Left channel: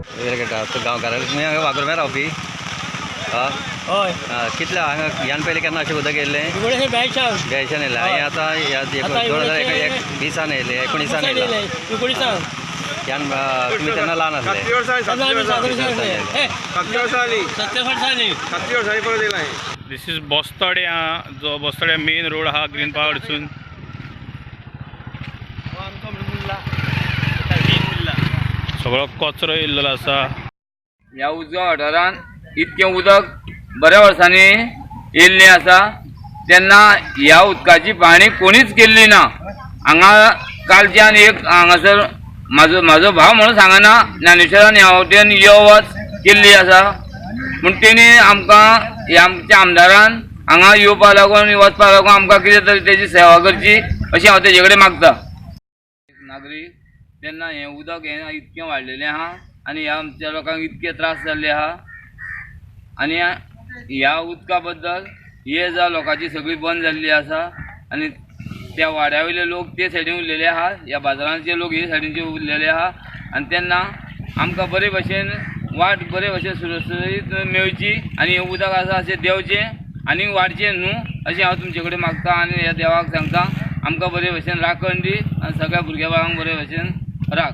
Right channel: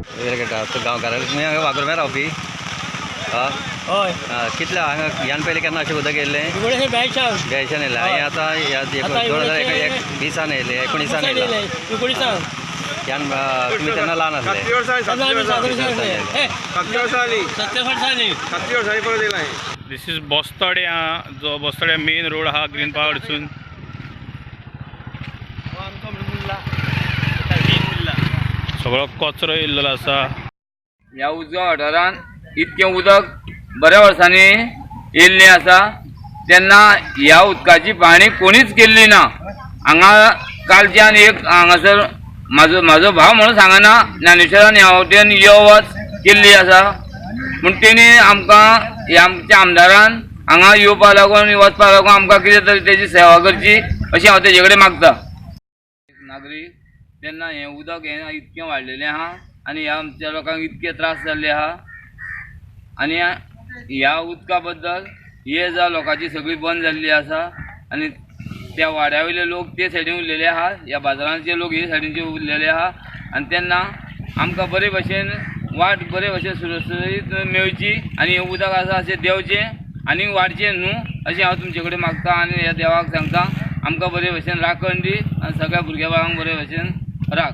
गांवकारांक तुमी हांगा वागुर्म्यार रावपी हय कितले हांगा ह्यान पयलीं केन्ना अशें उदक येयल्लें बेळशान येयलें आनी आतां ह्या 2020 येयलें 19 येयलें ह्यान तुमी तेन्ना ल्हान आसले 70 वर्सांनी दिस इज बोस्तोडे जो बोस्तोड्या मेन रोड हा ग्रीन पार्क वचून सगळो कचरो येयल्लो आसा। ह्या उजव्या वाठारांत इतकें उदक बऱ्या वर्सांनी येयल्लें आसा तेन्ना ह्या उदकाची पाहणी कोणीच केल्ली ना। हांगा कालच्यान एक हांगासर म्हाजो भाव म्हणून सांगना ज्ञानेश्वरान ह्या वटेन यो वच केल्ली आसा पूण तेणी आमकां आमच्या आमदारान हांगा येवपा लागून वचपा लागून आमकां कितें तरी तेजी सेवा करची अशें हांव तेजे कडेन मागता। नागरीक तेन्ना हें उदक हें इतकें वाडलेलें आहा आनी ह्या आमच्या लोकांक इतके त्रास जाल्ले आहा आनी ह्या उदका बद्दल हे जा लोकांची सगळी बंद जाल्ली आसा आनी त्या वाड्या वयले लोक ते सायडीन उरलेले आहा ह्या बाजारांचे लोक हे सायडीनचे उरलेले आहा आनी तेन्ना आमकां बरे भशेन वाट बरे भशेन सुरक्षीत मेळची आनी हें उदक आसा अशें देंवचें आनी वाडचें न्हू अशें हांव तुमचे कडेन मागता आनी ह्या देवाक सांगता आमकां बरे भशेन राखण दी आनी सगळ्या भुरग्या बाळांक बरे भशेन राख।